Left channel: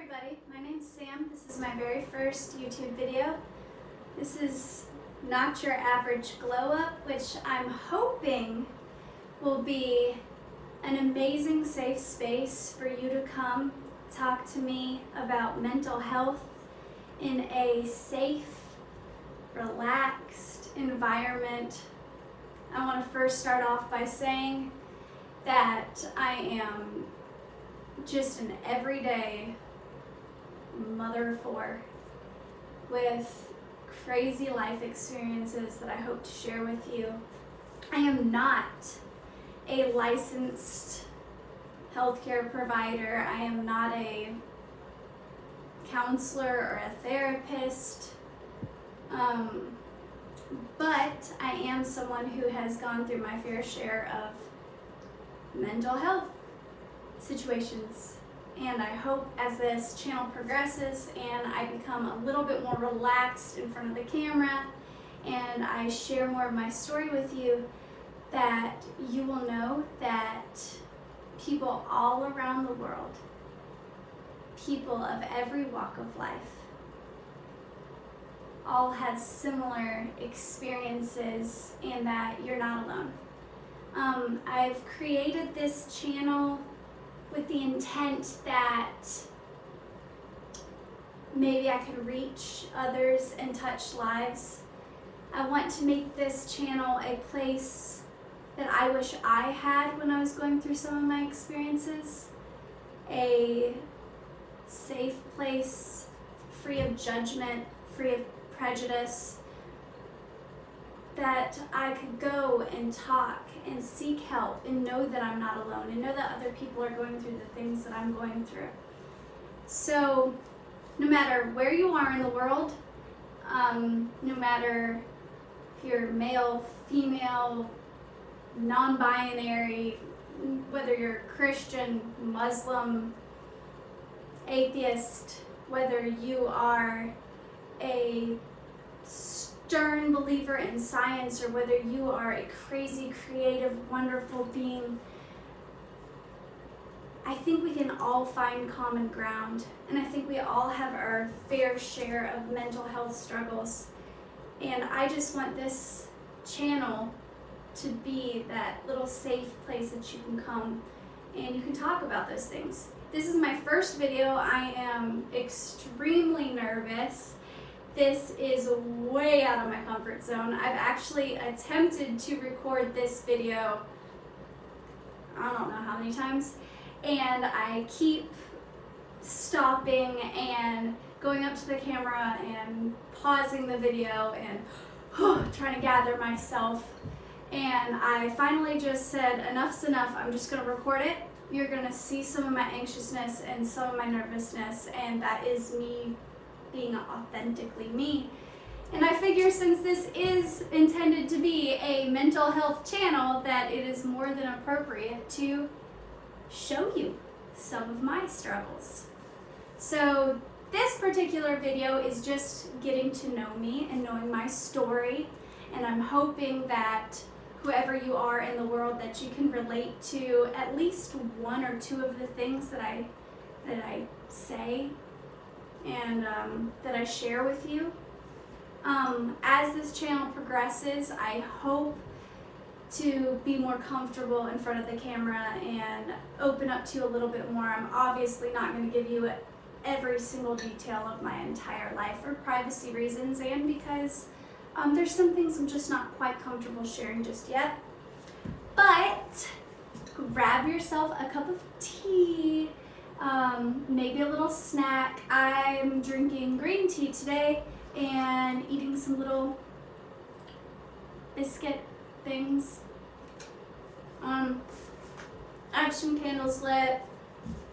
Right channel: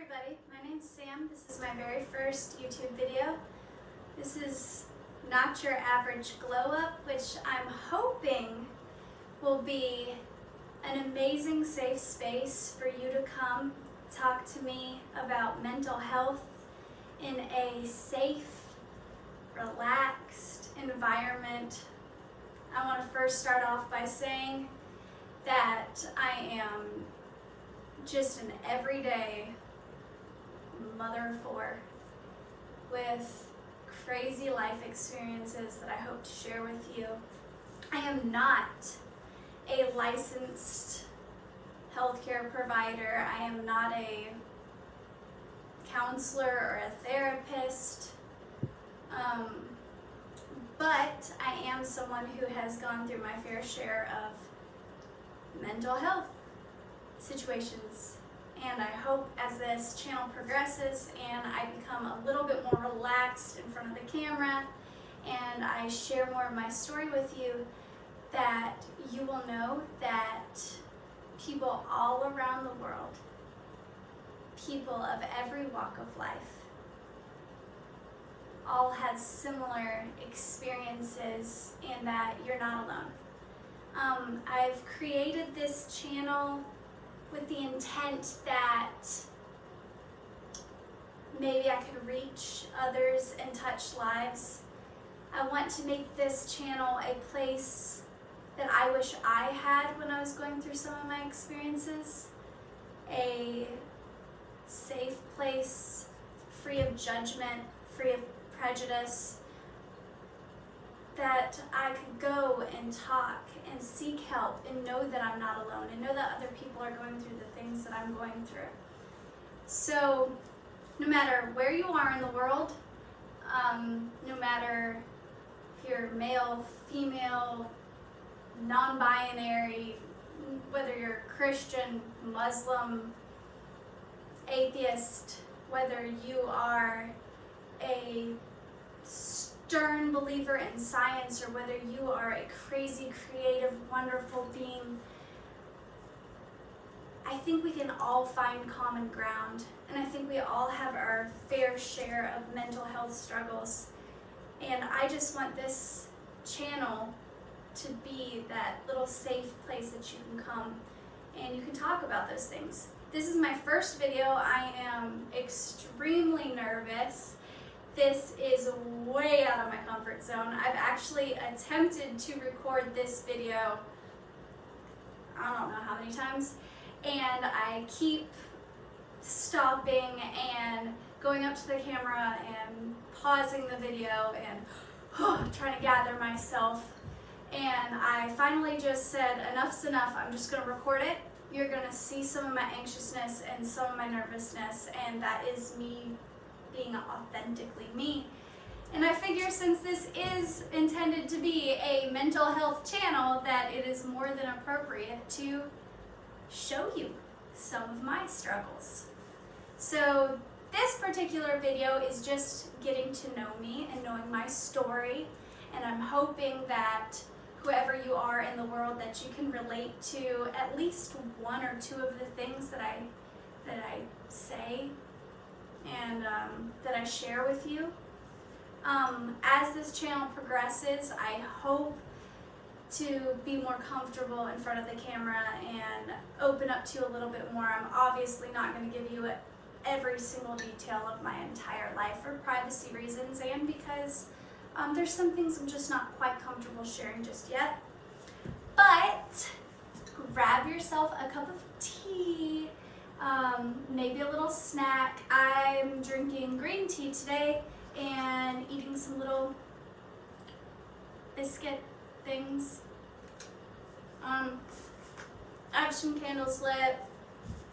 everybody, my name's Sam. This is my very first YouTube video. This is not your average glow up, which I'm hoping will be an amazing safe space for you to come talk to me about mental health in a safe, relaxed environment. I want to first start off by saying that I am just an everyday mother of four with crazy life experiences that I hope to share with you. I am not a licensed healthcare provider. I am not a counselor or a therapist, but I am someone who has gone through my fair share of mental health situations. And I hope as this channel progresses and I become a little bit more relaxed in front of the camera and I share more of my story with you, that you will know that people all around the world, people of every walk of life, all have similar experiences and that you're not alone. I've created this channel with the intent that maybe I could reach others and touch lives. I want to make this channel a place that I wish I had when I was going through some of my experiences. A safe place, free of judgment, free of prejudice, that I could go and talk and seek help and know that I'm not alone and know that other people are going through the things that I'm going through. So no matter where you are in the world, no matter if you're male, female, non-binary, whether you're Christian, Muslim, atheist, whether you are a stern believer in science or whether you are a crazy, creative, wonderful being, I think we can all find common ground, and I think we all have our fair share of mental health struggles. And I just want this channel to be that little safe place that you can come and you can talk about those things. This is my first video. I am extremely nervous. This is way out of my comfort zone. I've actually attempted to record this video, I don't know how many times, and I keep stopping and going up to the camera and pausing the video and trying to gather myself. And I finally just said, enough's enough, I'm just gonna record it. You're gonna see some of my anxiousness and some of my nervousness, and that is me being authentically me. And I figure since this is intended to be a mental health channel, that it is more than appropriate to show you some of my struggles. So this particular video is just getting to know me and knowing my story, and I'm hoping that whoever you are in the world, that you can relate to at least one or two of the things that I say and that I share with you. As this channel progresses, I hope to be more comfortable in front of the camera and open up to you a little bit more. I'm obviously not going to give you every single detail of my entire life for privacy reasons and because there's some things I'm just not quite comfortable sharing just yet. But grab yourself a cup of tea, maybe a little snack. I'm drinking green tea today and eating some little biscuit things. I have some candles lit,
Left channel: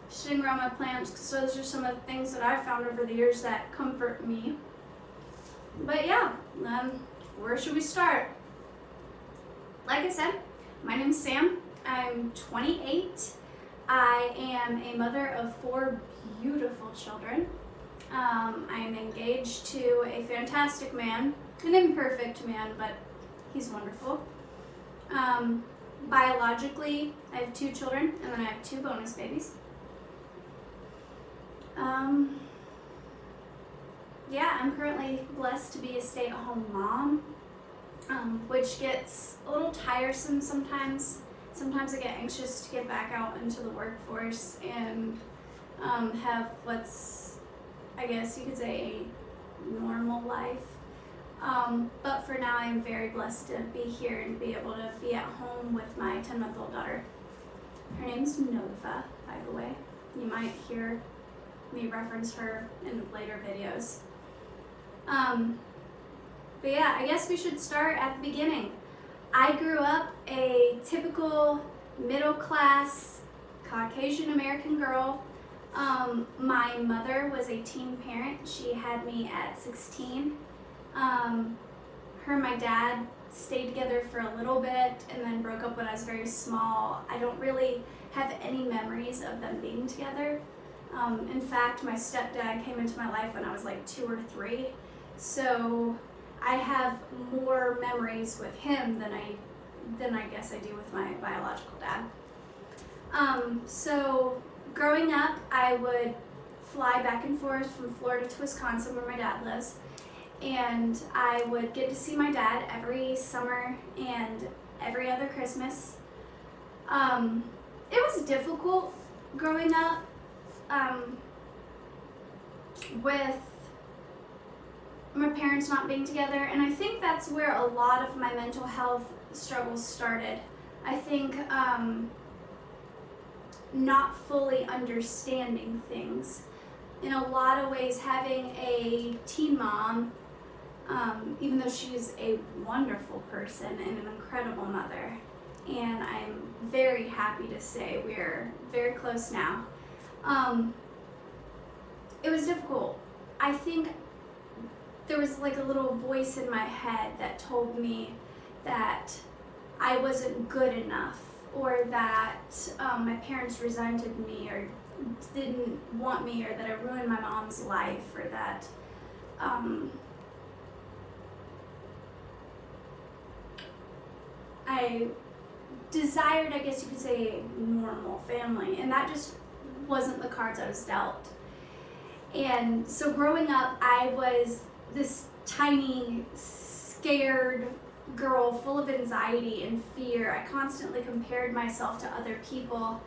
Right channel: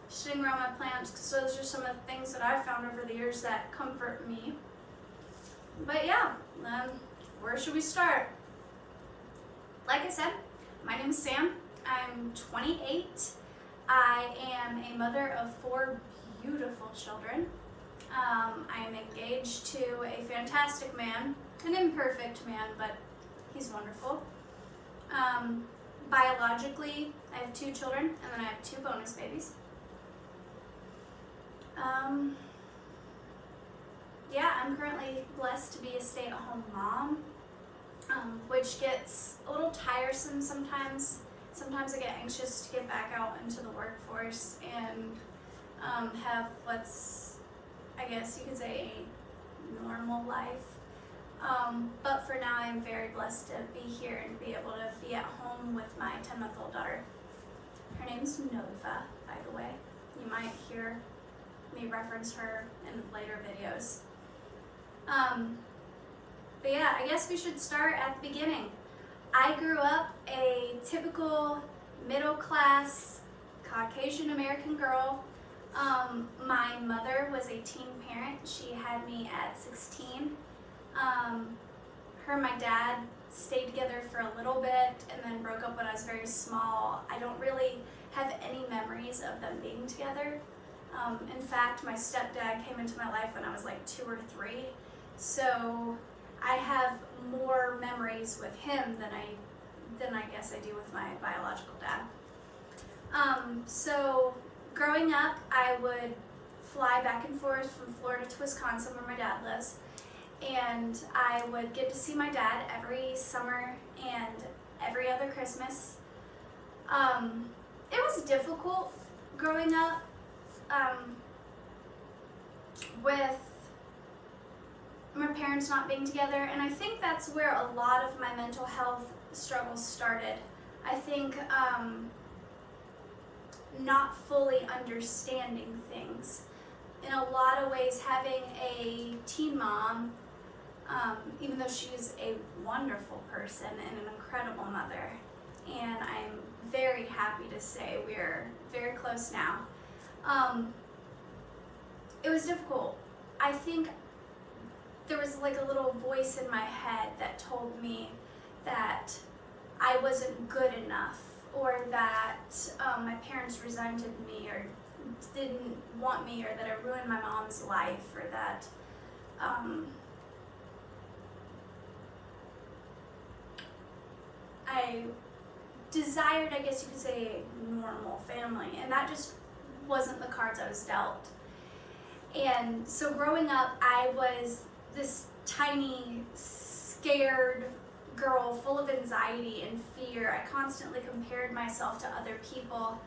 sitting around my plants because those are some of the things that I've found over the years that comfort me. But yeah, where should we start? Like I said, my name is Sam. I'm 28. I am a mother of 4 beautiful children. I am engaged to a fantastic man, an imperfect man, but he's wonderful. Biologically, I have 2 children, and then I have 2 bonus babies. Um, yeah, I'm currently blessed to be a stay-at-home mom, which gets a little tiresome sometimes. Sometimes I get anxious to get back out into the workforce and have, I guess you could say, a normal life. But for now, I'm very blessed to be here and be able to be at home with my 10-month-old daughter. Her name's Nova, by the way. You might hear me reference her in later videos. But yeah, I guess we should start at the beginning. I grew up a typical middle-class Caucasian American girl. My mother was a teen parent. She had me at 16. Her and my dad stayed together for a little bit and then broke up when I was very small. I don't really have any memories of them being together. In fact, my stepdad came into my life when I was like 2 or 3. So I have more memories with him than I guess I do with my biological dad. So growing up, I would fly back and forth from Florida to Wisconsin where my dad lives. And I would get to see my dad every summer and every other Christmas. It was difficult growing up with my parents not being together, and I think that's where a lot of my mental health struggles started. I think not fully understanding things. In a lot of ways, having a teen mom, even though she's a wonderful person and an incredible mother, and I'm very happy to say we're very close now, it was difficult. I think there was like a little voice in my head that told me that I wasn't good enough, or that my parents resented me or didn't want me, or that I ruined my mom's life, or that I desired, I guess you could say, a normal family, and that just wasn't the cards I was dealt. And so growing up, I was this tiny, scared girl full of anxiety and fear. I constantly compared myself to other people.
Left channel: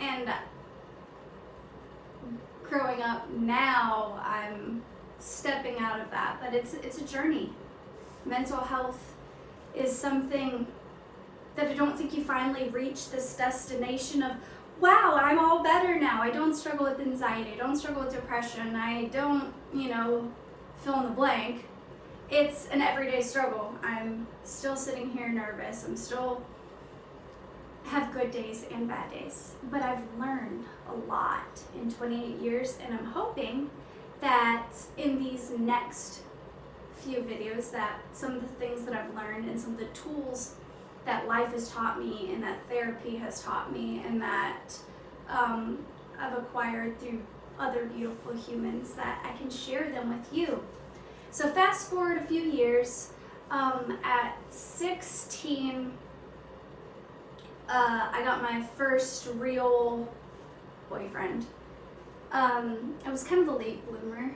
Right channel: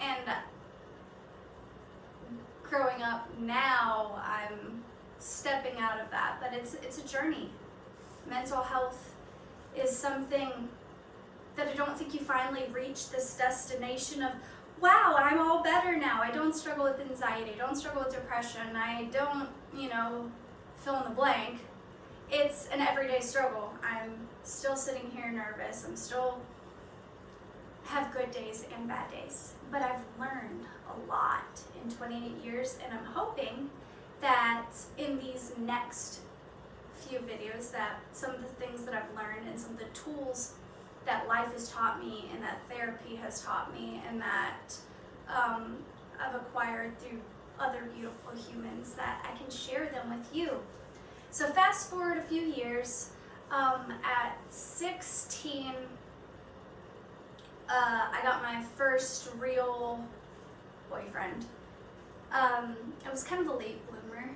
And growing up now, I'm stepping out of that, but it's a journey. Mental health is something that I don't think you finally reach this destination of, wow, I'm all better now. I don't struggle with anxiety, I don't struggle with depression, I don't, fill in the blank. It's an everyday struggle. I'm still sitting here nervous. I'm still have good days and bad days, but I've learned a lot in 28 years, and I'm hoping that in these next few videos that some of the things that I've learned and some of the tools that life has taught me and that therapy has taught me and that I've acquired through other beautiful humans, that I can share them with you. So fast forward a few years, at 16, I got my first real boyfriend. I was kind of a late bloomer.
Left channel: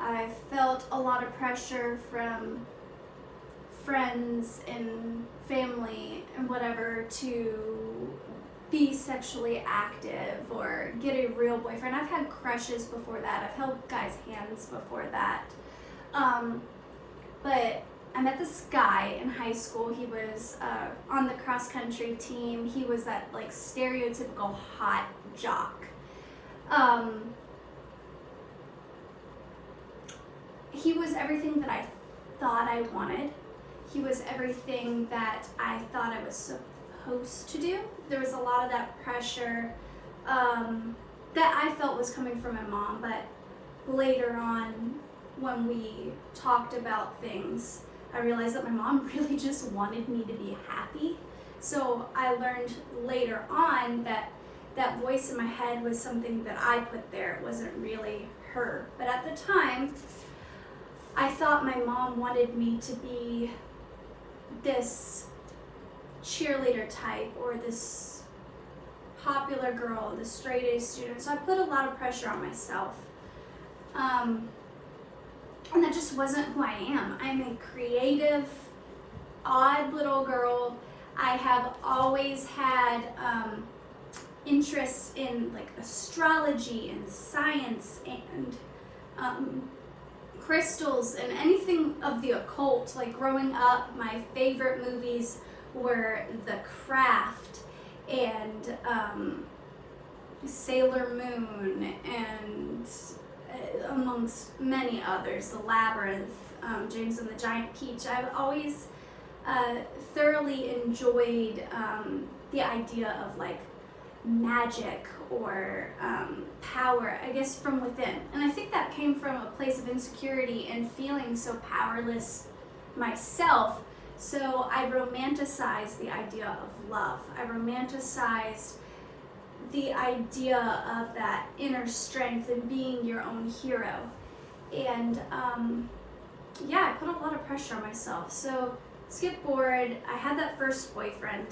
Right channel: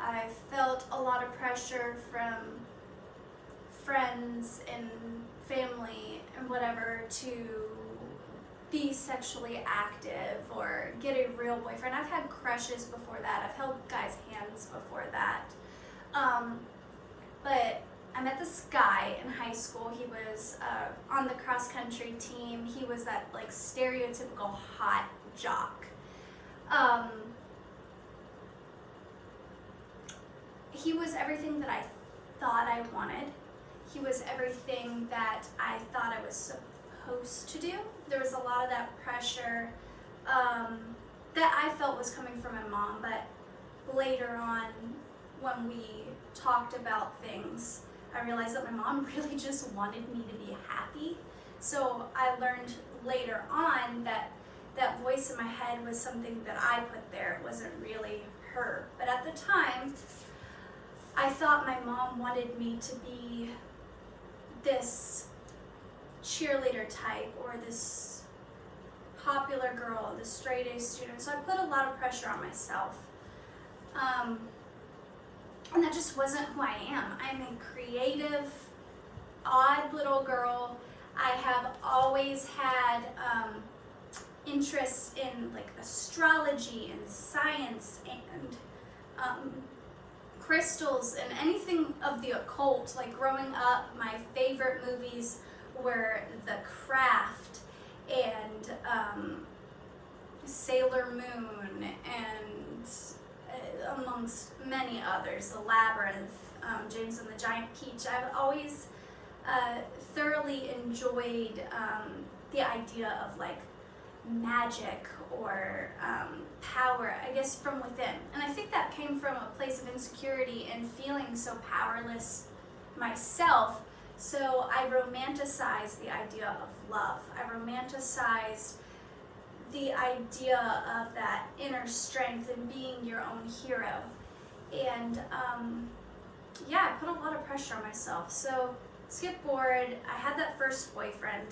I felt a lot of pressure from friends and family and whatever to be sexually active or get a real boyfriend. I've had crushes before that. I've held guys' hands before that. But I met this guy in high school. He was on the cross country team. He was that like stereotypical hot jock. He was everything that I thought I wanted. He was everything that I thought I was supposed to do. There was a lot of that pressure that I felt was coming from my mom, but later on when we talked about things, I realized that my mom really just wanted me to be happy. So I learned later on that that voice in my head was something that I put there. It wasn't really her. But at the time, I thought my mom wanted me to be this cheerleader type or this popular girl, the straight A student, so I put a lot of pressure on myself. And that just wasn't who I am. I'm a creative, odd little girl. I have always had interests in like astrology and science and crystals and anything of the occult. Like growing up, my favorite movies were The Craft and Sailor Moon and amongst many others, The Labyrinth, James and the Giant Peach. I've always thoroughly enjoyed the idea of like magic or power, I guess, from within. And I think that came from a place of insecurity and feeling so powerless myself. So I romanticized the idea of love. I romanticized the idea of that inner strength and being your own hero. And yeah, I put a lot of pressure on myself. So skip forward, I had that first boyfriend,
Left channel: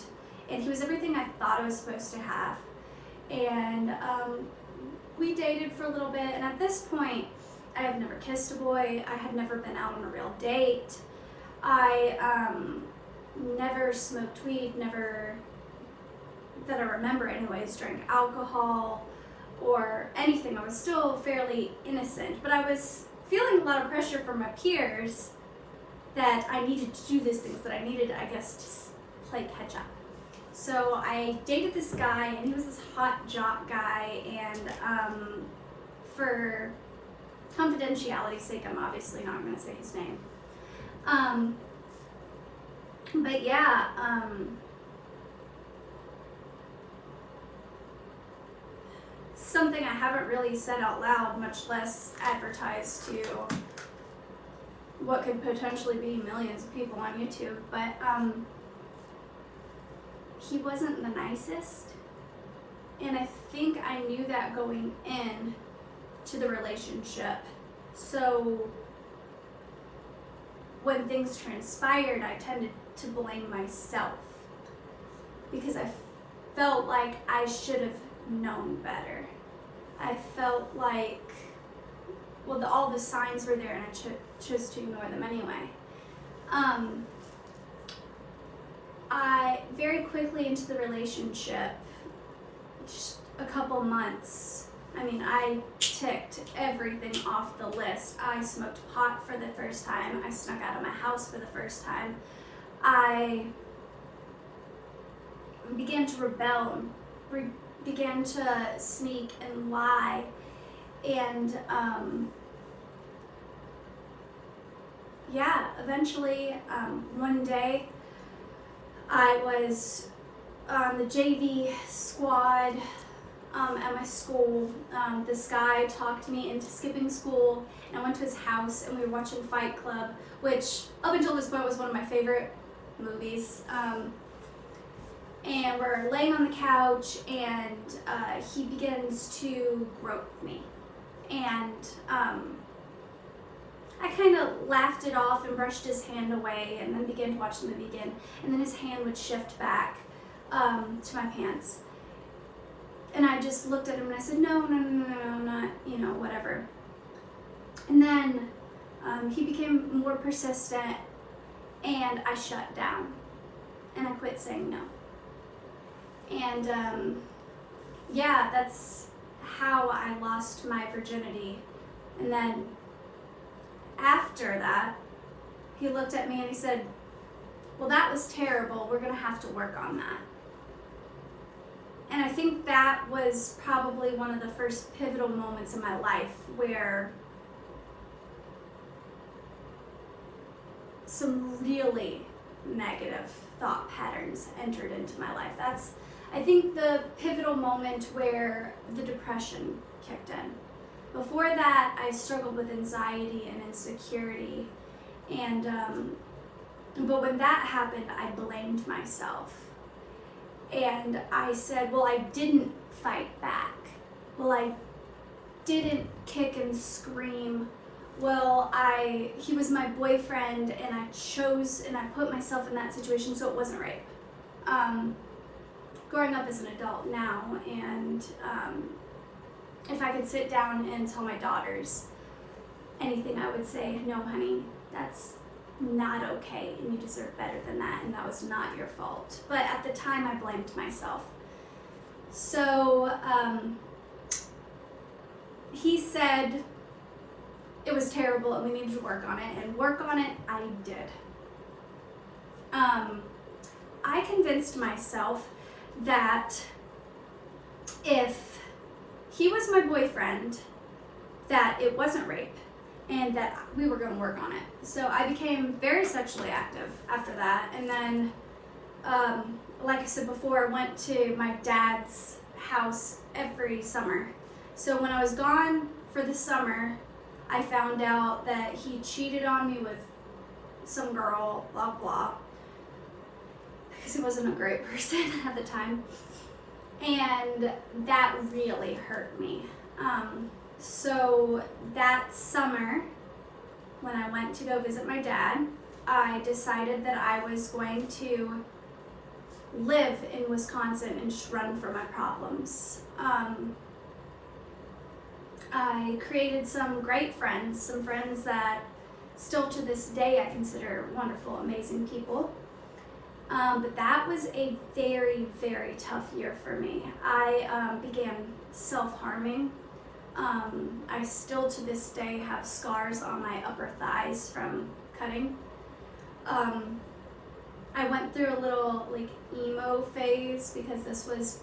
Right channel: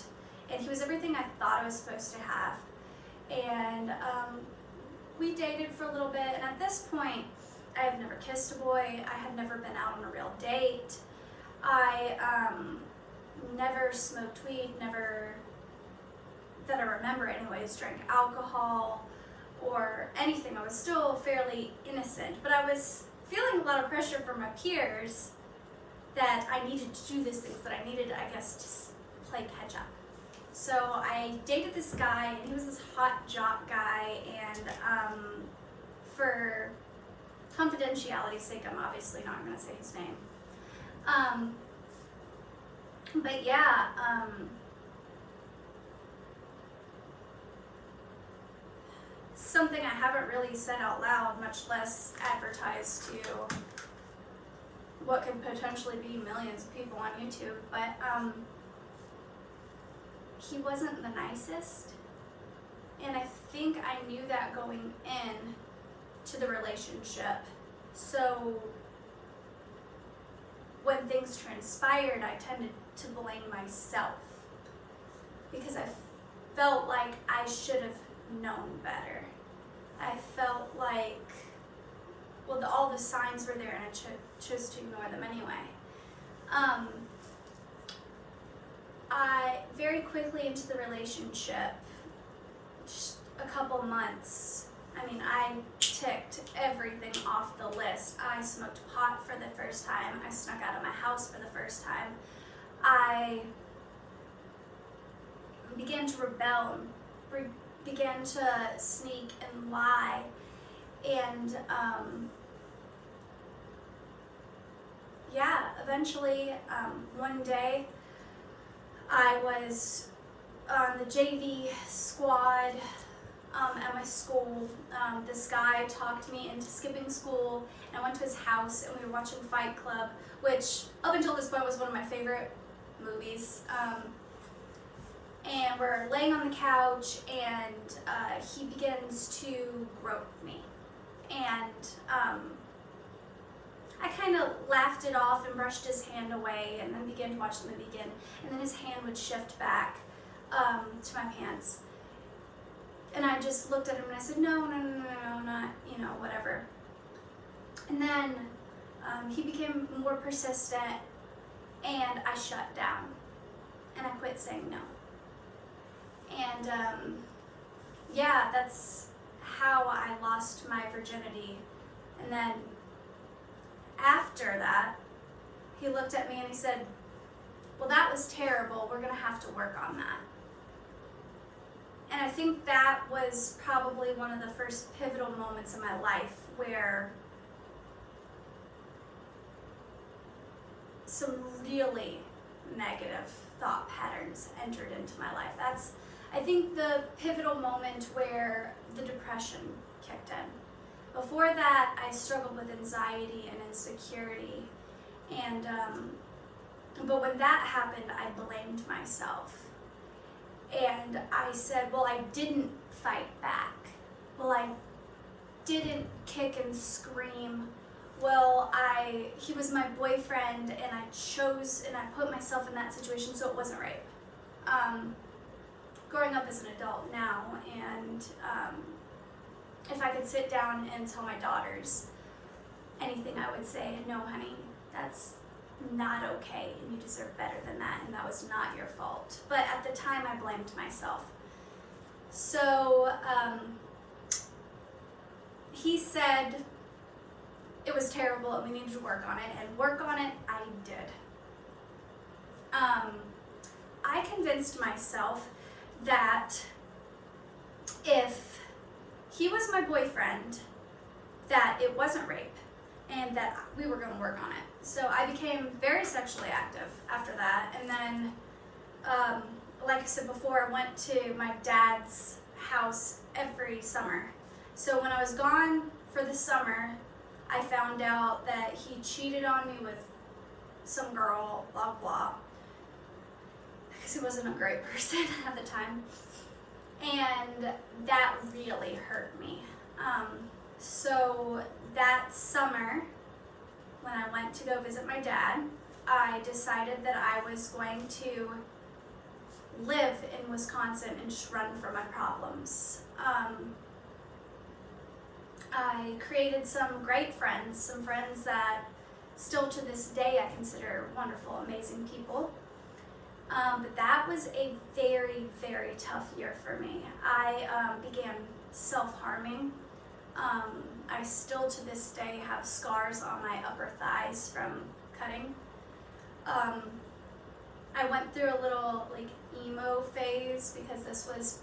and he was everything I thought I was supposed to have. And we dated for a little bit, and at this point, I have never kissed a boy. I had never been out on a real date. I never smoked weed, never, that I remember anyways, drank alcohol or anything. I was still fairly innocent, but I was feeling a lot of pressure from my peers that I needed to do these things, that I needed, I guess, to play catch up. So I dated this guy, and he was this hot jock guy, and for confidentiality's sake, I'm obviously not going to say his name. But yeah, something I haven't really said out loud, much less advertised to what could potentially be millions of people on YouTube, but he wasn't the nicest, and I think I knew that going in to the relationship. So when things transpired, I tended to blame myself because I felt like I should have known better. I felt like, well, all the signs were there, and I chose to ignore them anyway. I very quickly into the relationship, just a couple months, I mean, I ticked everything off the list. I smoked pot for the first time. I snuck out of my house for the first time. I began to rebel, began to sneak and lie, and yeah, eventually one day I was on the JV squad at my school. This guy talked me into skipping school, and I went to his house, and we were watching Fight Club, which up until this point was one of my favorite movies. And we're laying on the couch, and he begins to grope me, and I kind of laughed it off and brushed his hand away, and then began to watch the movie again, and then his hand would shift back to my pants. And I just looked at him and I said, no, not, whatever. And then he became more persistent, and I shut down, and I quit saying no. And yeah, that's how I lost my virginity. And then after that, he looked at me and he said, well, that was terrible. We're gonna have to work on that. And I think that was probably one of the first pivotal moments in my life where some really negative thought patterns entered into my life. That's, I think, the pivotal moment where the depression kicked in. Before that, I struggled with anxiety and insecurity, and but when that happened, I blamed myself. And I said, well, I didn't fight back. Well, I didn't kick and scream. Well, he was my boyfriend, and I chose and I put myself in that situation, so it wasn't rape. growing up as an adult now, and if I could sit down and tell my daughters anything, I would say, no, honey, that's not okay, and you deserve better than that, and that was not your fault. But at the time, I blamed myself. So he said it was terrible and we needed to work on it, and work on it I did. I convinced myself that if he was my boyfriend, that it wasn't rape and that we were going to work on it. So I became very sexually active after that, and then like I said before, I went to my dad's house every summer. So when I was gone for the summer, I found out that he cheated on me with some girl, blah blah, because he wasn't a great person at the time, and that really hurt me. So that summer, when I went to go visit my dad, I decided that I was going to live in Wisconsin and just run from my problems. I created some great friends, some friends that still to this day I consider wonderful, amazing people. But that was a very, very tough year for me. I began self-harming. I still to this day have scars on my upper thighs from cutting. I went through a little like emo phase because this was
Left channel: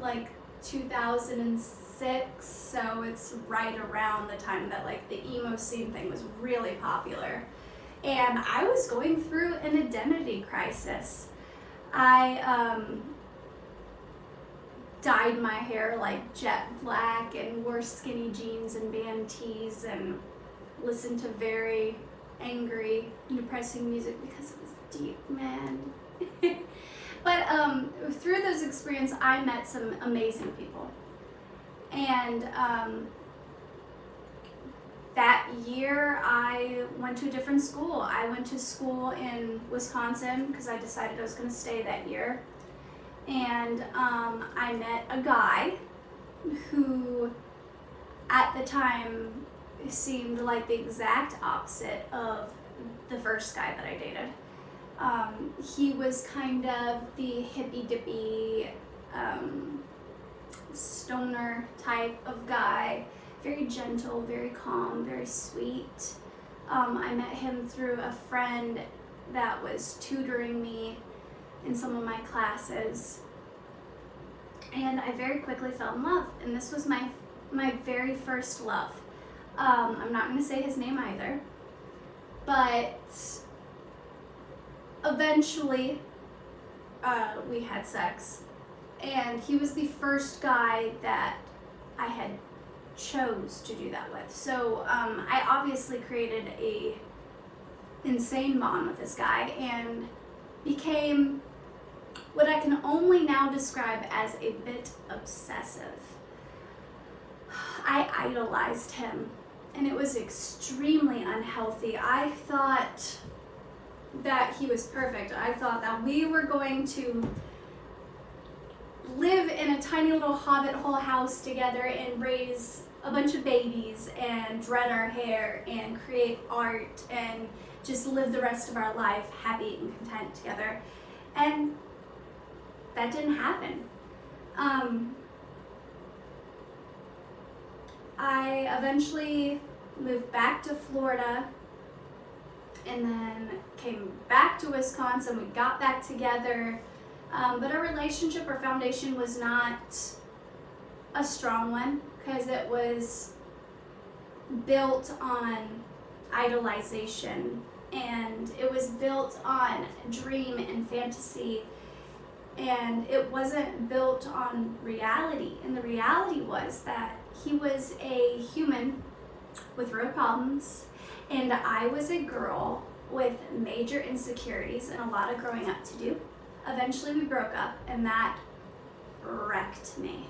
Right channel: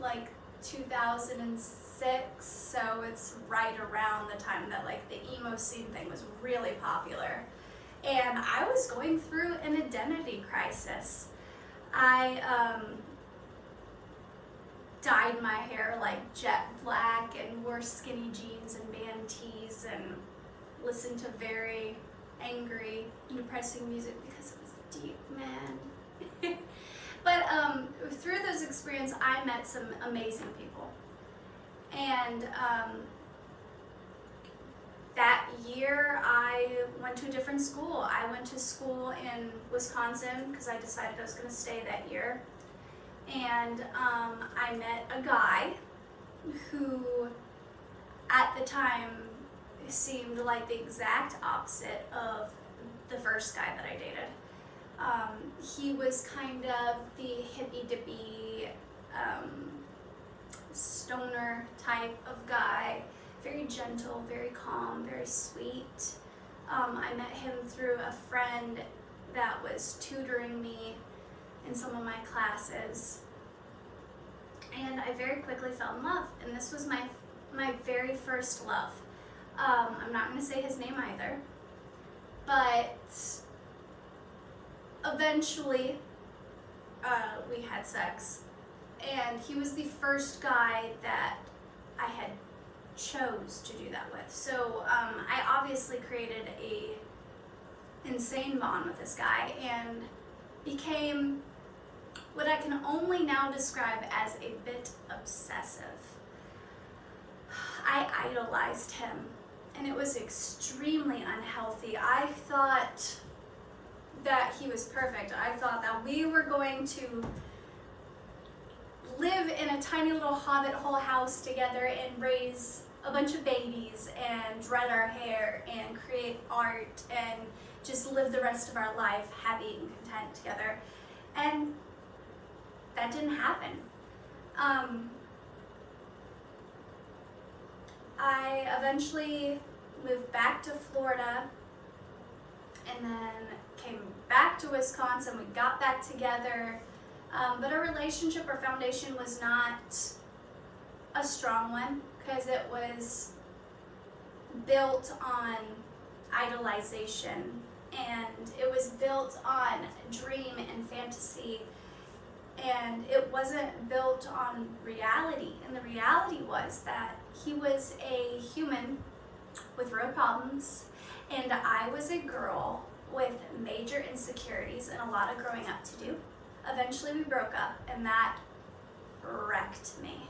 like 2006, so it's right around the time that like the emo scene thing was really popular. And I was going through an identity crisis. I dyed my hair like jet black and wore skinny jeans and band tees and listened to very angry and depressing music because it was deep, man. But through those experiences, I met some amazing people. And that year, I went to a different school. I went to school in Wisconsin because I decided I was going to stay that year. And I met a guy who, at the time, seemed like the exact opposite of the first guy that I dated. He was kind of the hippy-dippy, stoner type of guy, very gentle, very calm, very sweet. I met him through a friend that was tutoring me in some of my classes, and I very quickly fell in love, and this was my very first love. I'm not going to say his name either, but eventually we had sex, and he was the first guy that I had chose to do that with. So I obviously created a insane bond with this guy and became what I can only now describe as a bit obsessive. I idolized him, and it was extremely unhealthy. I thought that he was perfect. I thought that we were going to live in a tiny little hobbit hole house together and raise a bunch of babies and dread our hair and create art and just live the rest of our life happy and content together. And that didn't happen. I eventually moved back to Florida and then came back to Wisconsin. We got back together, but our relationship, our foundation was not a strong one because it was built on idolization, and it was built on dream and fantasy, and it wasn't built on reality. And the reality was that he was a human with real problems, and I was a girl with major insecurities and a lot of growing up to do. Eventually we broke up, and that wrecked me.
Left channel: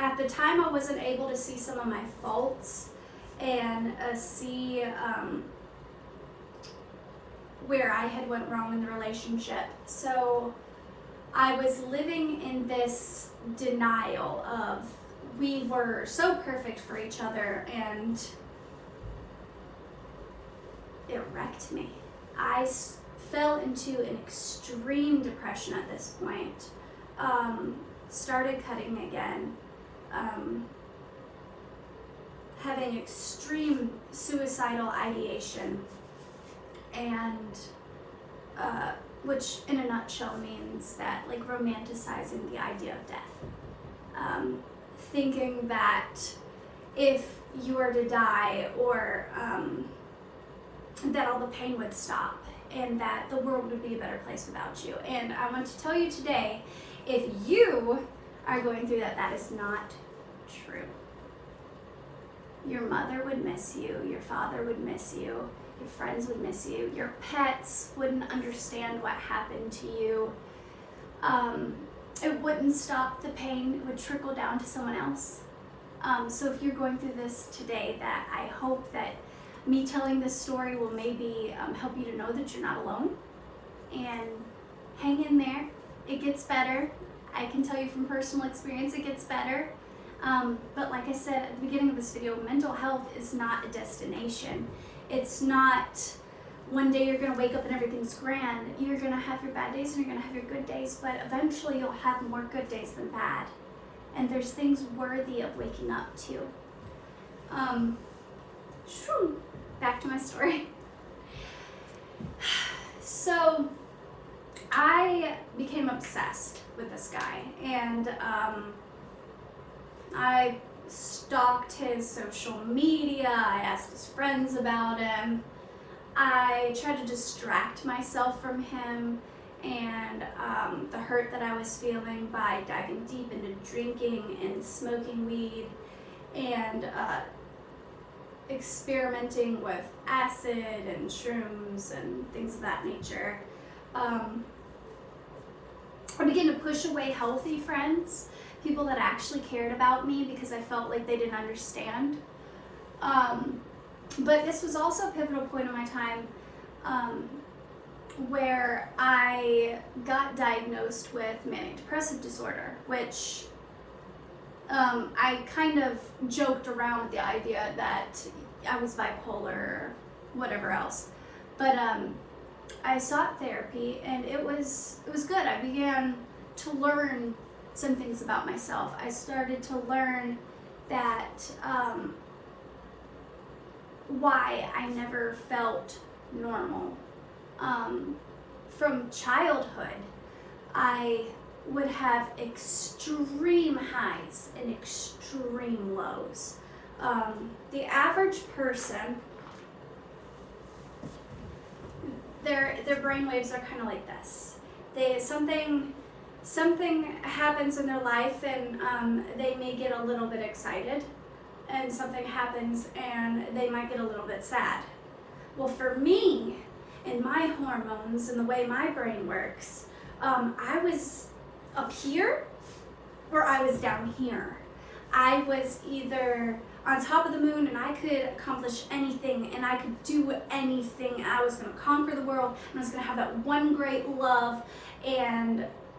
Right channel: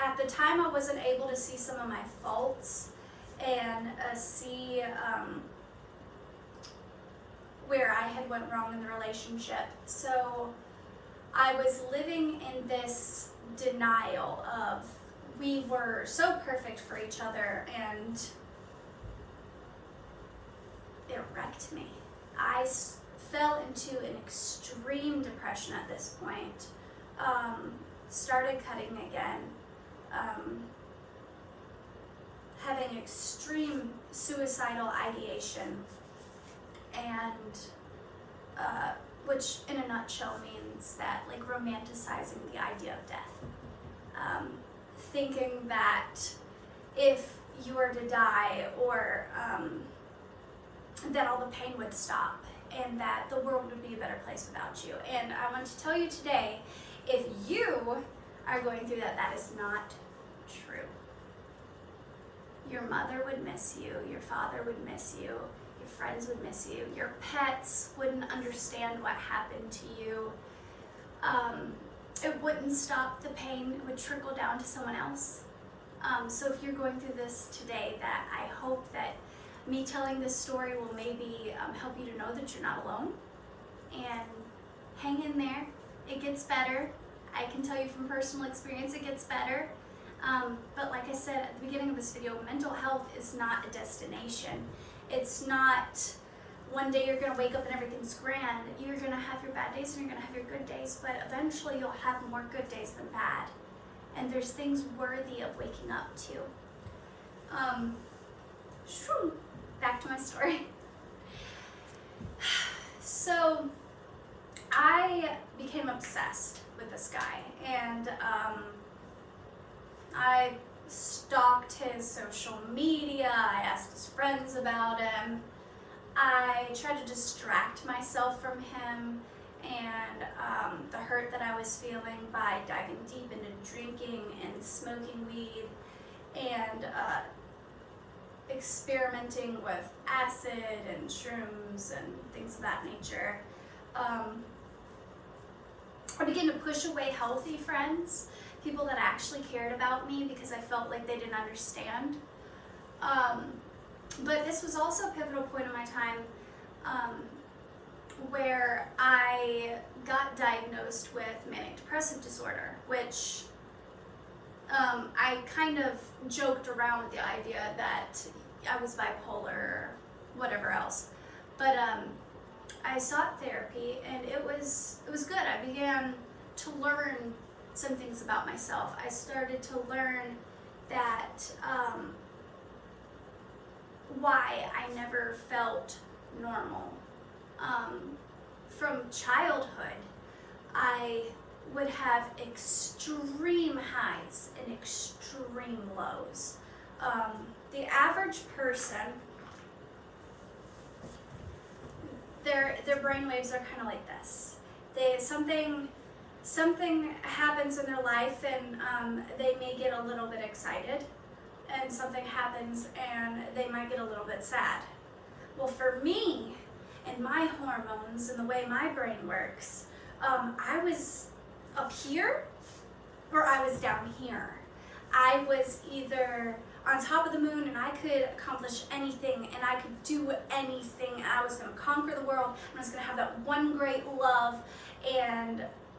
At the time, I wasn't able to see some of my faults and see where I had went wrong in the relationship. So I was living in this denial of we were so perfect for each other, and it wrecked me. I fell into an extreme depression at this point. Started cutting again. Having extreme suicidal ideation, and which in a nutshell means that, like, romanticizing the idea of death. Thinking that if you were to die, or that all the pain would stop and that the world would be a better place without you. And I want to tell you today, if you are going through that, that is not true. Your mother would miss you, your father would miss you, your friends would miss you, your pets wouldn't understand what happened to you. It wouldn't stop the pain, it would trickle down to someone else. So if you're going through this today, that I hope that me telling this story will maybe help you to know that you're not alone, and hang in there. It gets better. I can tell you from personal experience, it gets better. But like I said at the beginning of this video, mental health is not a destination. It's not one day you're gonna wake up and everything's grand. You're gonna have your bad days and you're gonna have your good days, but eventually you'll have more good days than bad. And there's things worthy of waking up to. Back to my story. So I became obsessed with this guy, and I stalked his social media. I asked his friends about him. I tried to distract myself from him and the hurt that I was feeling by diving deep into drinking and smoking weed, and experimenting with acid and shrooms and things of that nature. I began to push away healthy friends, people that actually cared about me, because I felt like they didn't understand. But this was also a pivotal point in my time where I got diagnosed with manic depressive disorder, which I kind of joked around with the idea that I was bipolar or whatever else. But I sought therapy, and it was good. I began to learn some things about myself. I started to learn that why I never felt normal. From childhood, I would have extreme highs and extreme lows. The average person, their brain waves are kind of like this. Something happens in their life, and they may get a little bit excited, and something happens and they might get a little bit sad. Well, for me and my hormones and the way my brain works, I was up here or I was down here. I was either on top of the moon and I could accomplish anything and I could do anything. I was going to conquer the world and I was going to have that one great love,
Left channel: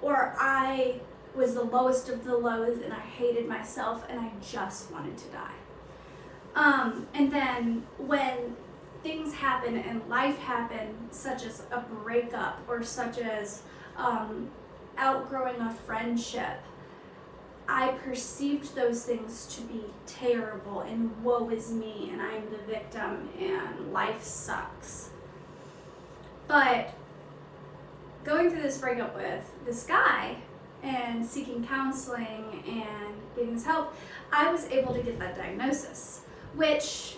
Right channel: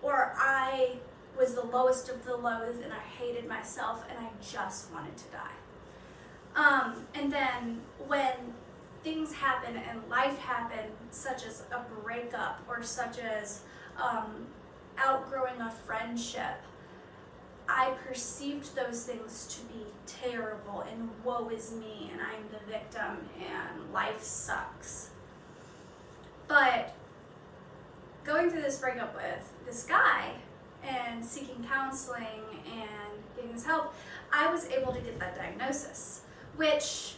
or I was the lowest of the lows and I hated myself and I just wanted to die. And then when things happen and life happen, such as a breakup or such as outgrowing a friendship, I perceived those things to be terrible and woe is me and I'm the victim and life sucks. But going through this breakup with this guy and seeking counseling and getting this help, I was able to get that diagnosis, which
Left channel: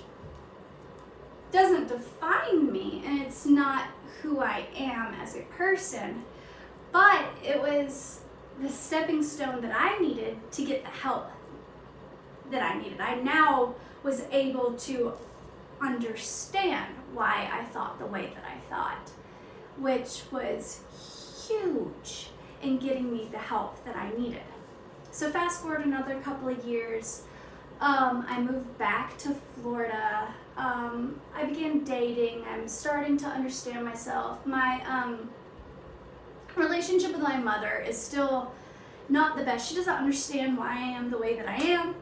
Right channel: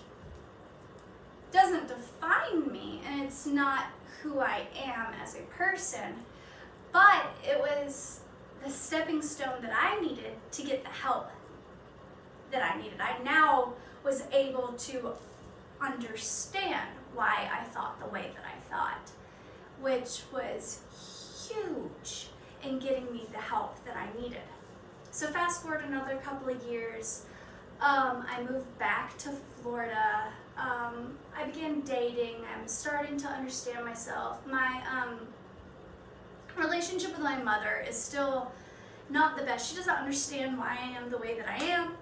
doesn't define me and it's not who I am as a person, but it was the stepping stone that I needed to get the help that I needed. I now was able to understand why I thought the way that I thought, which was huge in getting me the help that I needed. So fast forward another couple of years, I moved back to Florida. I began dating. I'm starting to understand myself. relationship with my mother is still not the best. She doesn't understand why I am the way that I am.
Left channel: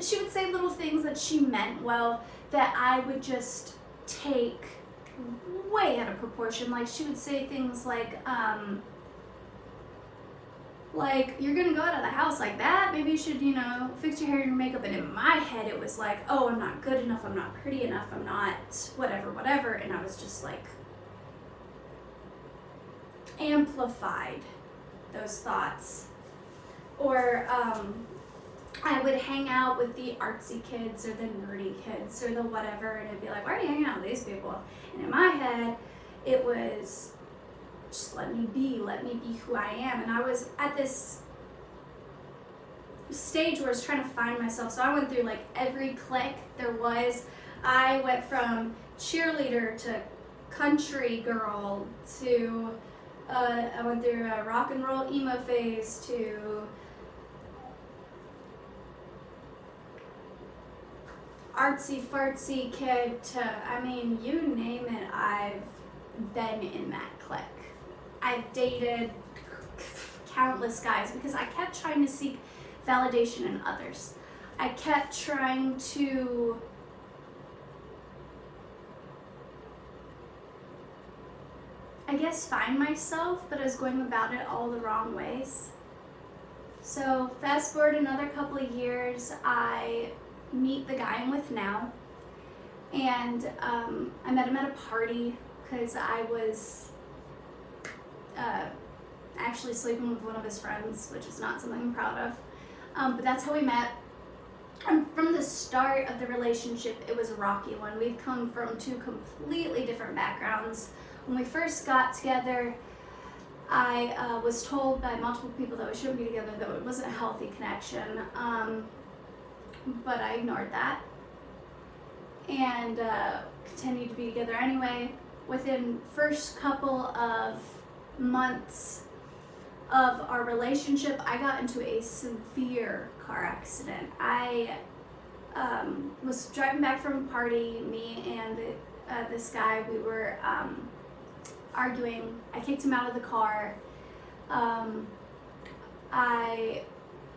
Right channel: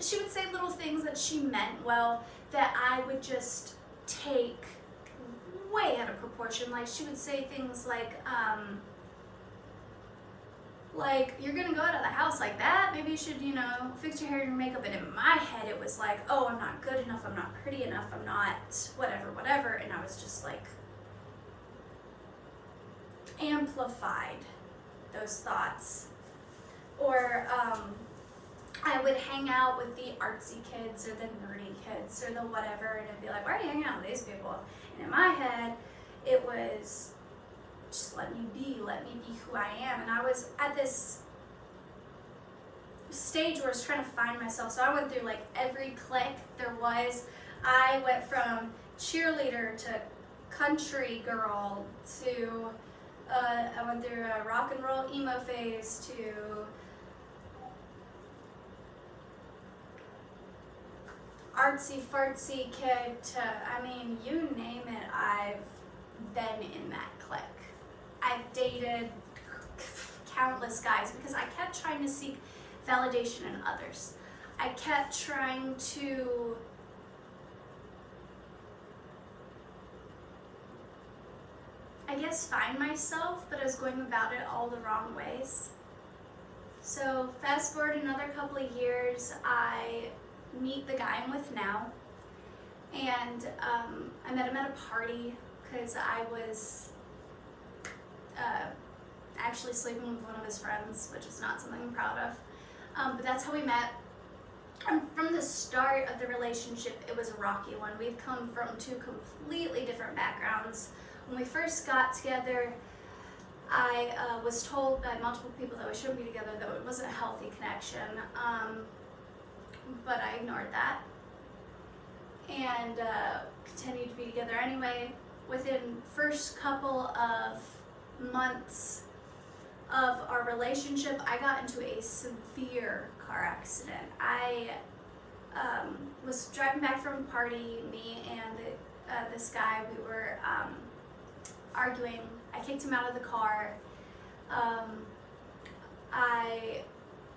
She would say little things that she meant well that I would just take way out of proportion. Like she would say things like you're gonna go out of the house like that, maybe you should, fix your hair and your makeup. And in my head it was like, oh, I'm not good enough, I'm not pretty enough, I'm not whatever. And I was just like amplified those thoughts. Or I would hang out with the artsy kids or the nerdy kids or the whatever, and it'd be like, why are you hanging out with these people? And in my head, it was just let me be who I am. And I was at this stage where I was trying to find myself. So I went through like every clique there was. I went from cheerleader to country girl to I went through a rock and roll emo phase to artsy fartsy kid to, I mean, you name it, I've been in that clique. I've dated countless guys because I kept trying to seek validation in others. I kept trying to find myself, but I was going about it all the wrong ways. So fast forward another couple of years, I meet the guy I'm with now, and I met him at a party because I was actually sleeping with one of his friends, which is not something I'm proud of, but that's how we met. And from the start of the relationship, it was a rocky one. We've come from two completely different backgrounds. When we first got together, I was told by multiple people that we shouldn't be together, that it wasn't a healthy connection, but I ignored that and continued to be together anyway. Within first couple of months of our relationship, I got into a severe car accident. I was driving back from a party, me and this guy, we were arguing. I kicked him out of the car. I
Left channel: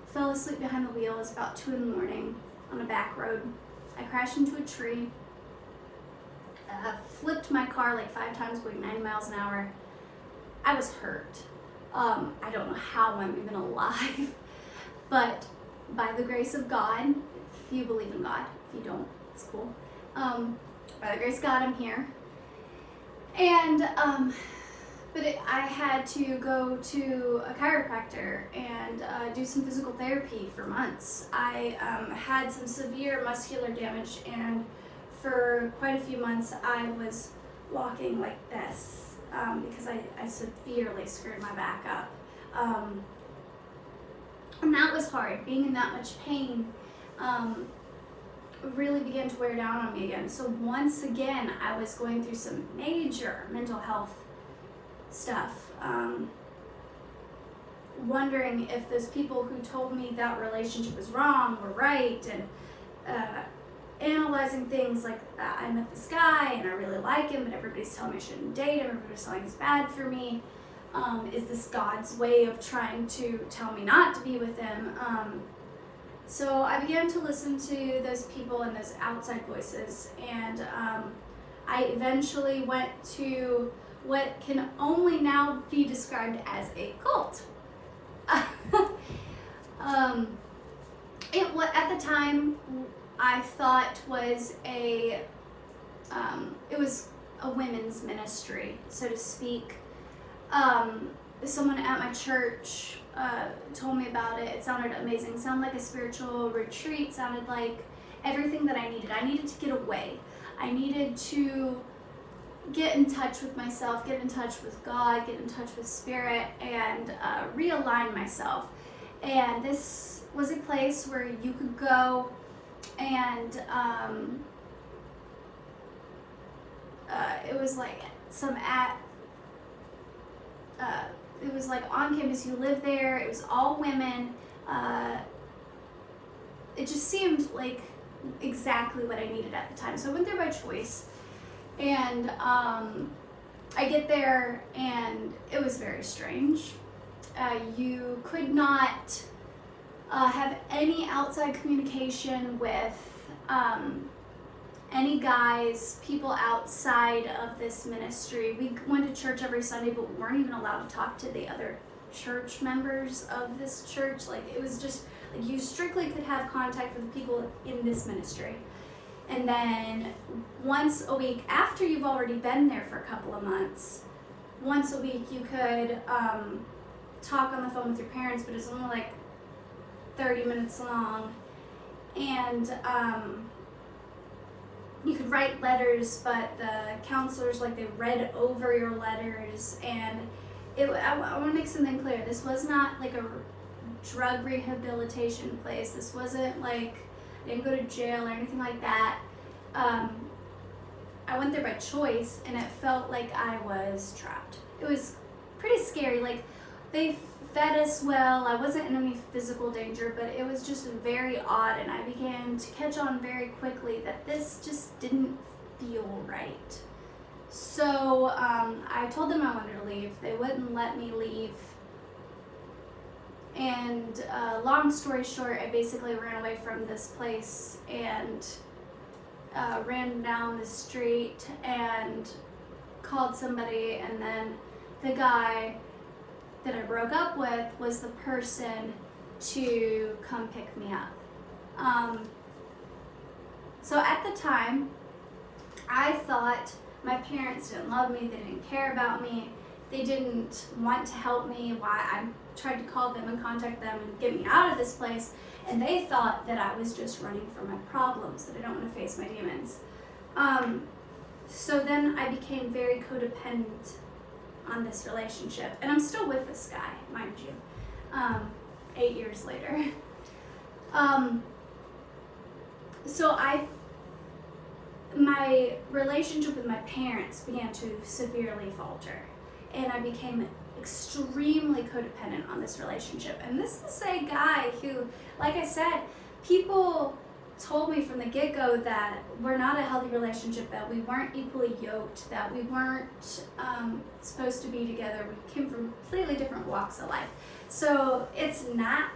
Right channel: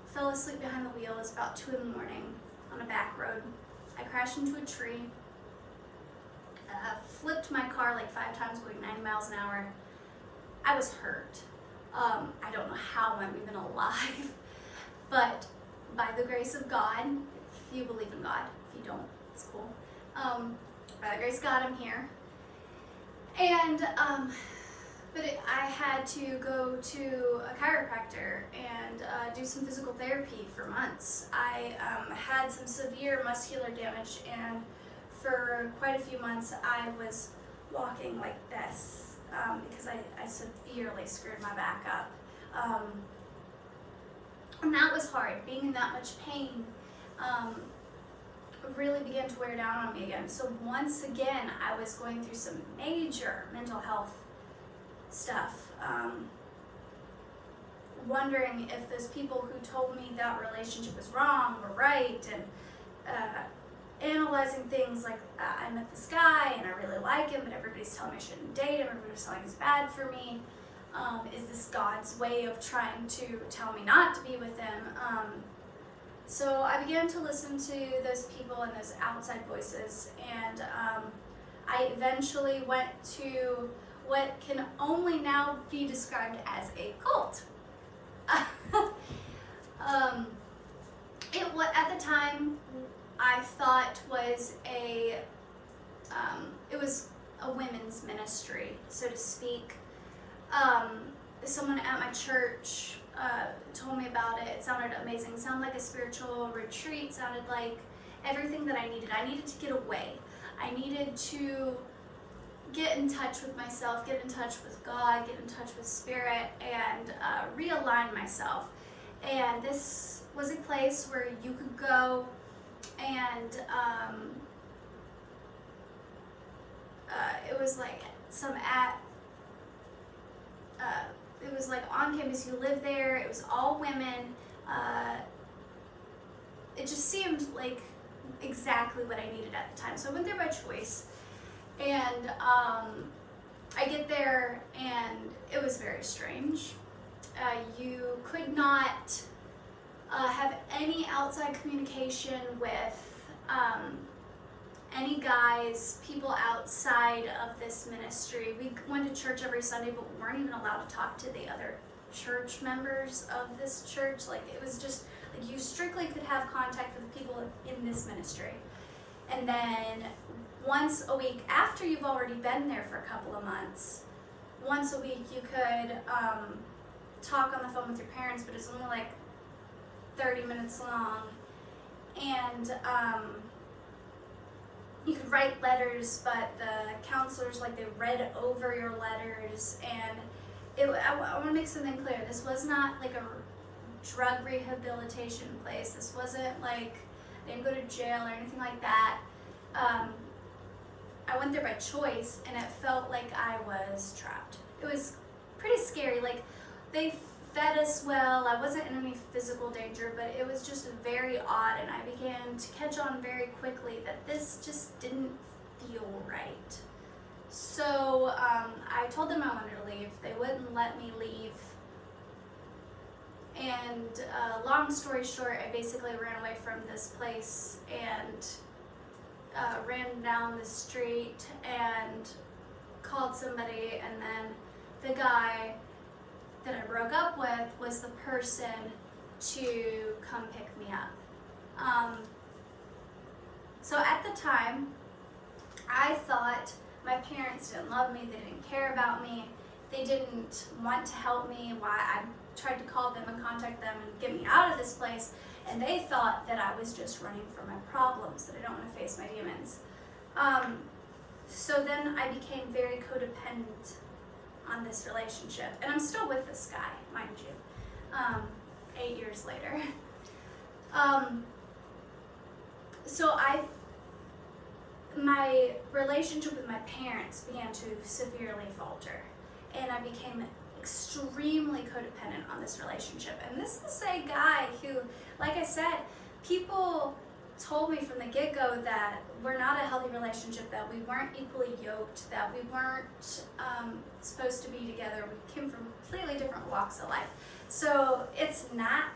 fell asleep behind the wheel. It was about 2 a.m. on a back road. I crashed into a tree, flipped my car like 5 times going 90 miles an hour. I was hurt. I don't know how I'm even alive, but by the grace of God, if you believe in God, if you don't, it's cool. By the grace of God, I'm here. And I had to go to a chiropractor and do some physical therapy for months. I had some severe muscular damage, and for quite a few months I was walking like this because I severely screwed my back up. And that was hard. Being in that much pain really began to wear down on me again. So once again, I was going through some major mental health stuff, wondering if those people who told me that relationship was wrong were right, and analyzing things like I met this guy and I really like him, but everybody's telling me I shouldn't date him, everybody's telling me he's bad for me. Is this God's way of trying to tell me not to be with him? So I began to listen to those people and those outside voices, and I eventually went to what can only now be described as a cult. At the time, I thought was it was a women's ministry, so to speak. Someone at my church told me about it. It sounded amazing. It sounded like a spiritual retreat. It sounded like everything that I needed. I needed to get away. I needed to get in touch with myself, get in touch with God, get in touch with Spirit, and realign myself. And this was a place where you could go and it was like it was like on campus, you live there, it was all women. It just seemed like exactly what I needed at the time. So I went there by choice, and I get there and it was very strange. You could not have any outside communication with any guys, people outside of this ministry. We went to church every Sunday, but we weren't even allowed to talk to the other church members of this church. Like, it was just, like, you strictly could have contact with the people in this ministry. And then once a week, after you've already been there for a couple of months, once a week you could talk on the phone with your parents, but it's only like 30 minutes long. And you could write letters, but the counselors, like, they read over your letters. And I want to make something clear. This was not like a drug rehabilitation place. This wasn't like, I didn't go to jail or anything like that. I went there by choice, and it felt like I was trapped. It was pretty scary. Like, they fed us well. I wasn't in any physical danger, but it was just very odd, and I began to catch on very quickly that this just didn't feel right. So I told them I wanted to leave. They wouldn't let me leave. And long story short, I basically ran away from this place and ran down the street and called somebody, and then the guy that I broke up with was the person to come pick me up. So at the time, I thought my parents didn't love me, they didn't care about me, they didn't want to help me. Why I tried to call them and contact them and get me out of this place, and they thought that I was just running from my problems, that I don't want to face my demons. So then I became very codependent on this relationship, and I'm still with this guy, mind you, 8 years later. So my relationship with my parents began to severely falter, and I became extremely codependent on this relationship. And this is a guy who, like I said, people told me from the get-go that we're not a healthy relationship, that we weren't equally yoked, that we weren't supposed to be together. We came from completely different walks of life. So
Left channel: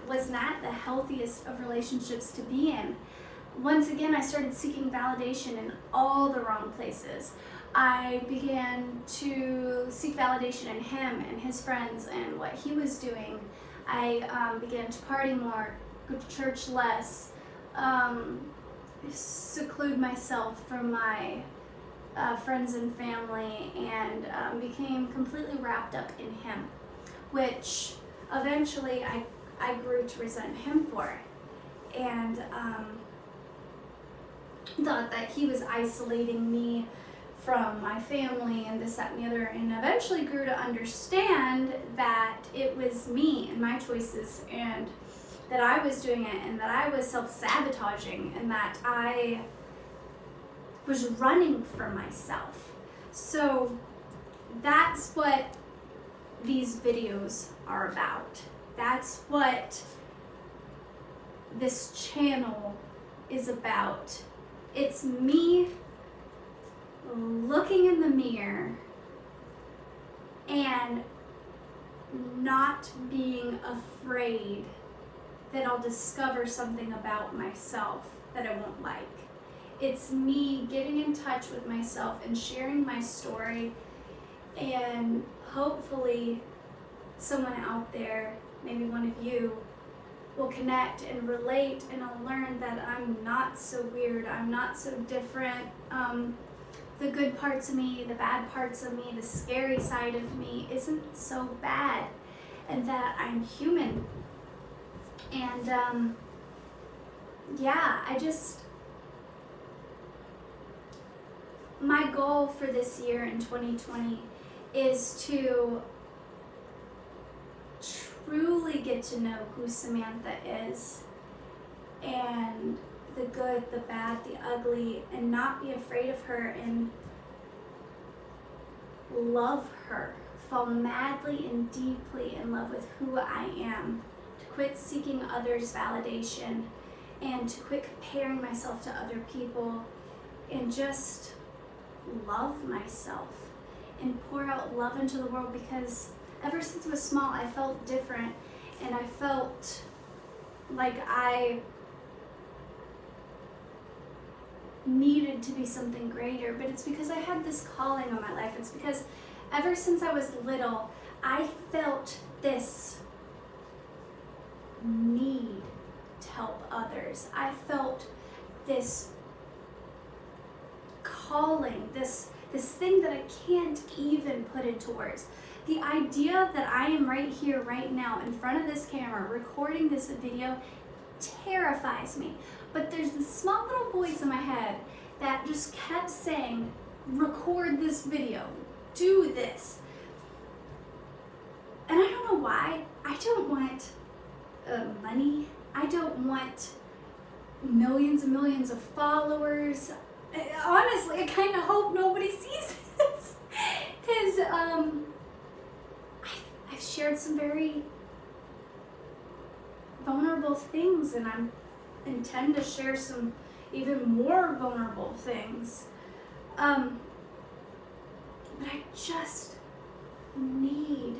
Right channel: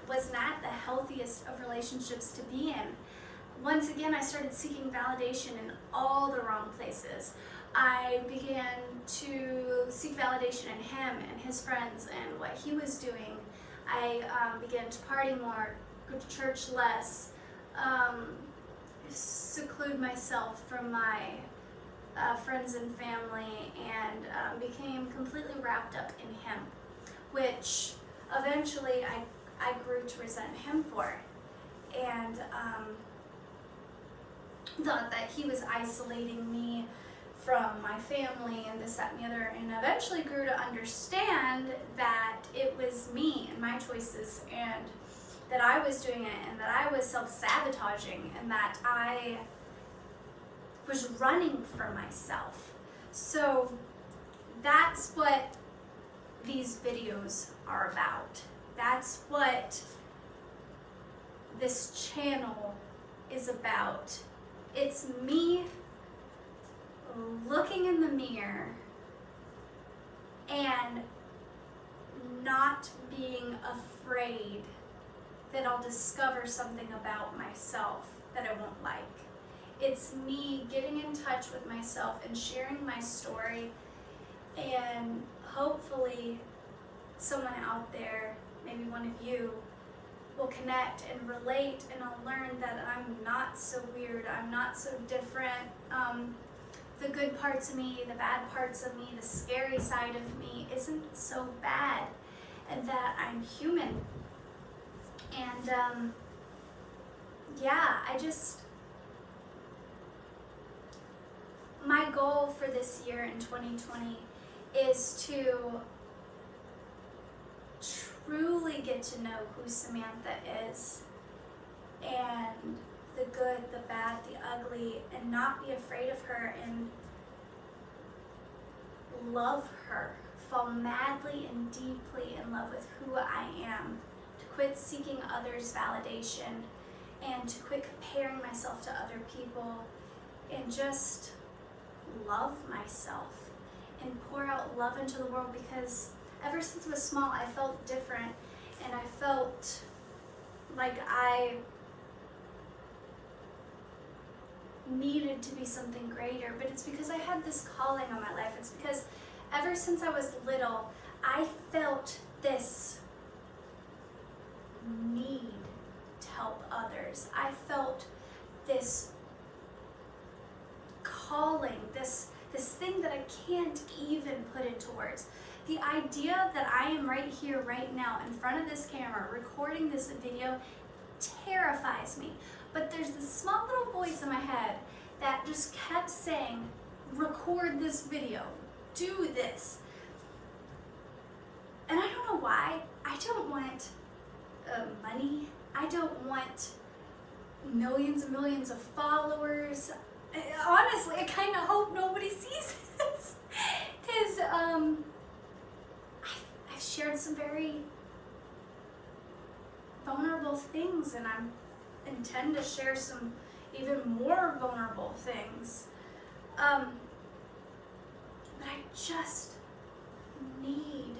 was not the healthiest of relationships to be in. Once again, I started seeking validation in all the wrong places. I began to seek validation in him and his friends and what he was doing. I began to party more, go to church less, seclude myself from my friends and family, and became completely wrapped up in him, which eventually I grew to resent him for it, and thought that he was isolating me from my family and this, that, and the other, and eventually grew to understand that it was me and my choices, and that I was doing it, and that I was self-sabotaging, and that I was running from myself. So that's what these videos are about. That's what this channel is about. It's me looking in the mirror and not being afraid that I'll discover something about myself that I won't like. It's me getting in touch with myself and sharing my story, and hopefully someone out there, maybe one of you, will connect and relate, and I'll learn that I'm not so weird, I'm not so different. The good parts of me, the bad parts of me, the scary side of me isn't so bad, and that I'm human. And yeah, my goal for this year in 2020 is to truly get to know who Samantha is, and the good, the bad, the ugly, and not be afraid of her, and love her, fall madly and deeply in love with who I am, to quit seeking others' validation, and to quit comparing myself to other people, and just love myself. and pour out love into the world, because ever since I was small, I felt different, and I felt like I needed to be something greater. But it's because I had this calling on my life. It's because ever since I was little, I felt this need to help others. I felt this calling, this thing that I can't even put into words. The idea that I am right here, right now, in front of this camera, recording this video, terrifies me. But there's this small little voice in my head that just kept saying, record this video, do this. And I don't know why. I don't want money. I don't want millions and millions of followers. Honestly, I kind of hope nobody sees this, because I've shared some very vulnerable things, and I intend to share some even more vulnerable things. But I just need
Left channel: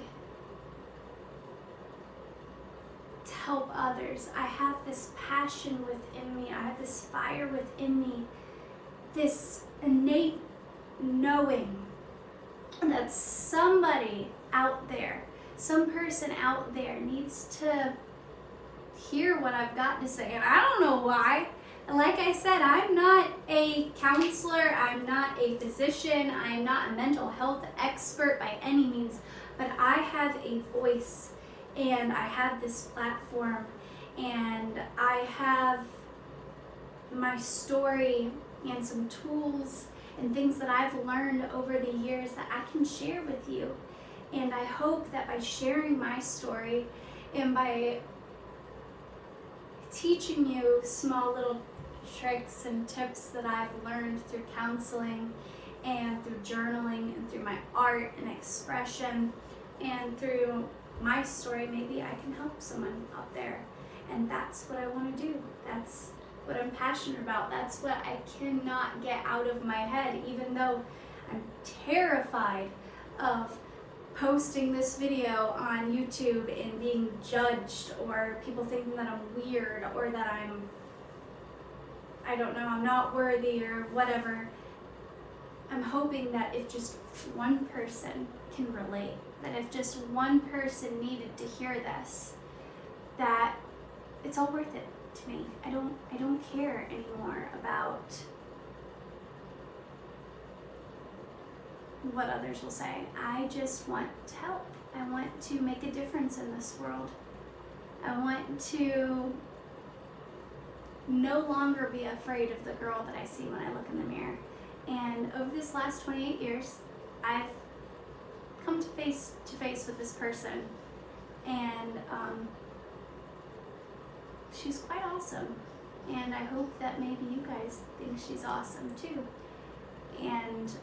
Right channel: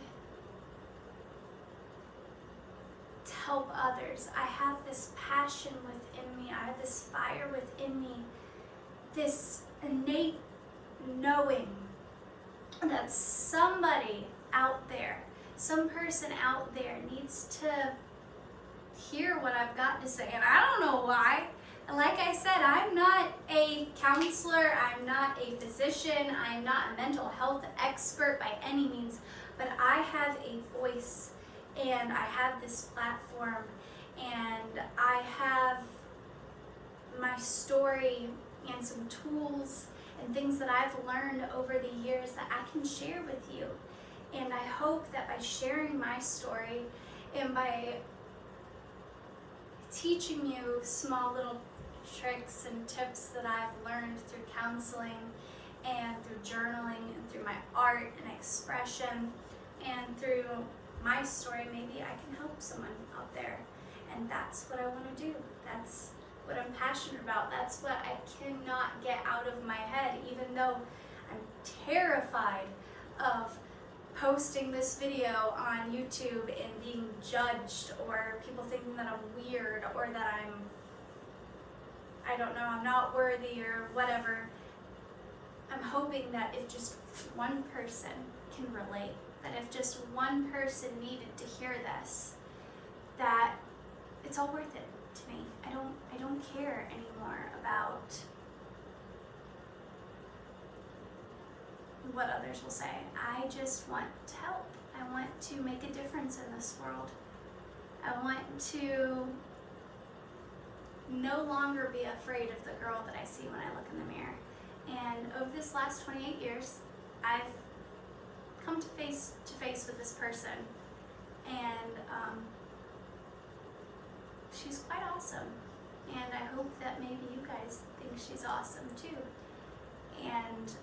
to help others. I have this passion within me. I have this fire within me. This innate knowing that somebody out there, some person out there needs to hear what I've got to say. And I don't know why. And like I said, I'm not a counselor, I'm not a physician, I'm not a mental health expert by any means, but I have a voice, and I have this platform, and I have my story and some tools and things that I've learned over the years that I can share with you. And I hope that by sharing my story and by teaching you small little tricks and tips that I've learned through counseling and through journaling and through my art and expression and through my story, maybe I can help someone out there. And that's what I want to do. That's what I'm passionate about. That's what I cannot get out of my head, even though I'm terrified of posting this video on YouTube and being judged, or people thinking that I'm weird, or that I'm not worthy, or whatever. I'm hoping that if just one person can relate, that if just one person needed to hear this, that it's all worth it to me. I don't care anymore about what others will say. I just want to help. I want to make a difference in this world. I want to no longer be afraid of the girl that I see when I look in the mirror. And over this last 28 years, I've come to face with this person, and she's quite awesome. And I hope that maybe you guys think she's awesome too. And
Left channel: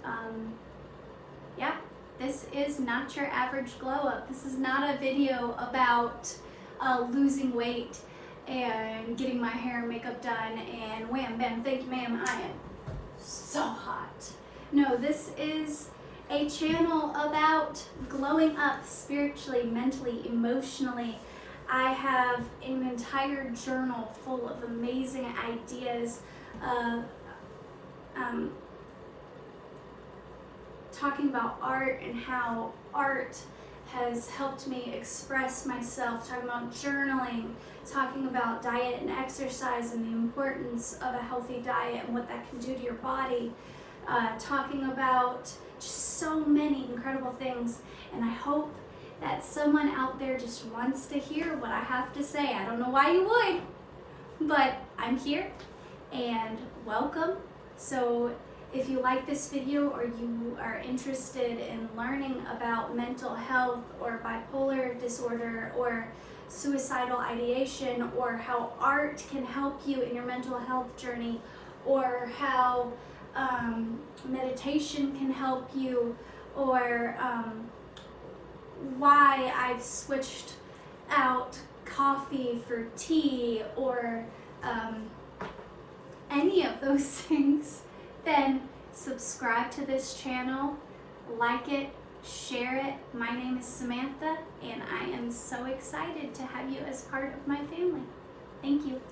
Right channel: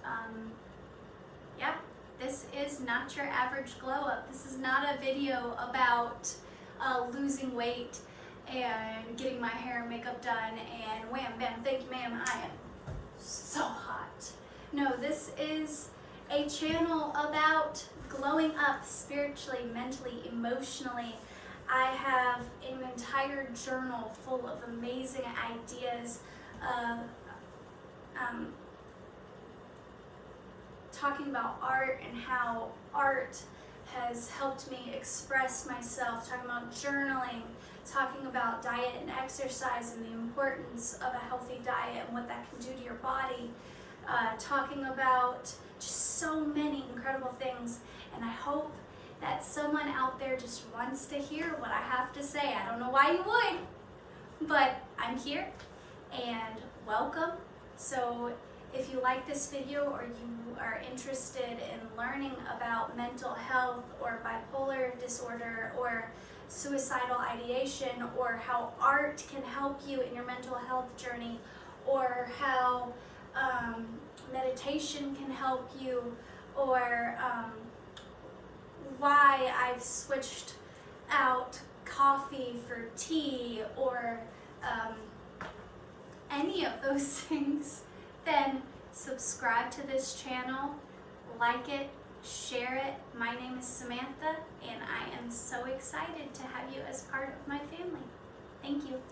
yeah, this is not your average glow up. This is not a video about losing weight and getting my hair and makeup done and wham bam, thank you ma'am, I am so hot. No, this is a channel about glowing up spiritually, mentally, emotionally. I have an entire journal full of amazing ideas of talking about art and how art has helped me express myself, talking about journaling, talking about diet and exercise and the importance of a healthy diet and what that can do to your body, talking about just so many incredible things. And I hope that someone out there just wants to hear what I have to say. I don't know why you would, but I'm here and welcome. So if you like this video, or you are interested in learning about mental health or bipolar disorder or suicidal ideation, or how art can help you in your mental health journey, or how meditation can help you, or why I've switched out coffee for tea, or any of those things, then subscribe to this channel, like it, share it. My name is Samantha, and I am so excited to have you as part of my family. Thank you.